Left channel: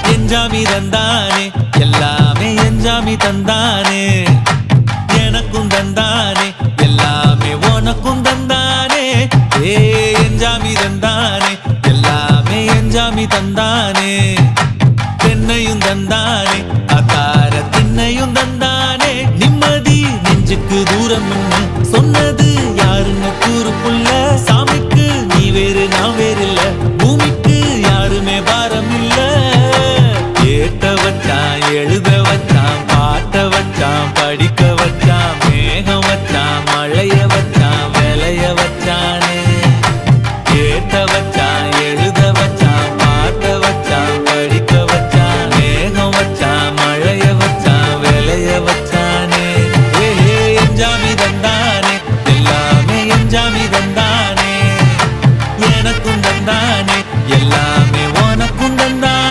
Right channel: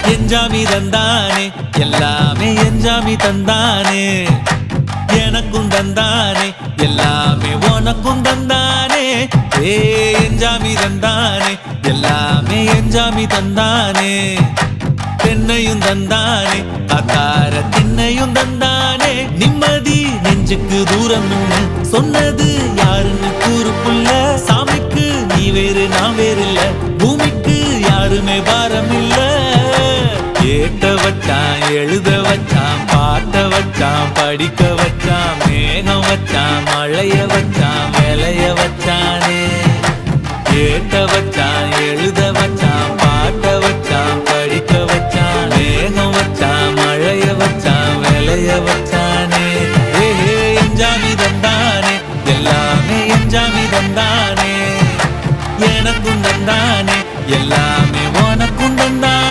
எஞ்சாமி தந்தானே எல்லாமே எஞ்சாமி தந்தானே எனக்கும் தந்தானே எல்லாமே உனக்கும் தந்தானே ஏ எஞ்சாமி தந்தானே எல்லாமே எஞ்சாமி தந்தானே தென்னையும் தந்தானே காத்தார திண்ணையும் தந்தானே நிம்மதி நெஞ்சுக்கு தூரம்னு சொன்னது யாருன்னு கூறு புள்ள சாமிக்கு நீ வேறு நான் வேறு இல்ல பூமிக்கு யாருமே பாரம் இல்ல ஏத்த வச்சான் எழுத வச்சான் பாட்ட வச்சான் படிக்க வச்சான் மேகம் வச்சான் மழைய வச்சான் விளைய வச்சானே ஏத்த வச்சான் எழுத வச்சான் பாட்ட வச்சான் படிக்க வச்சான் மேகம் வச்சான் மழைய வச்சான் விளைய வச்சானே ஏஹே எஞ்சாமி தந்தானே எல்லாமே எஞ்சாமி தந்தானே எனக்கும் தந்தானே எல்லாமே உனக்கும் தந்தானே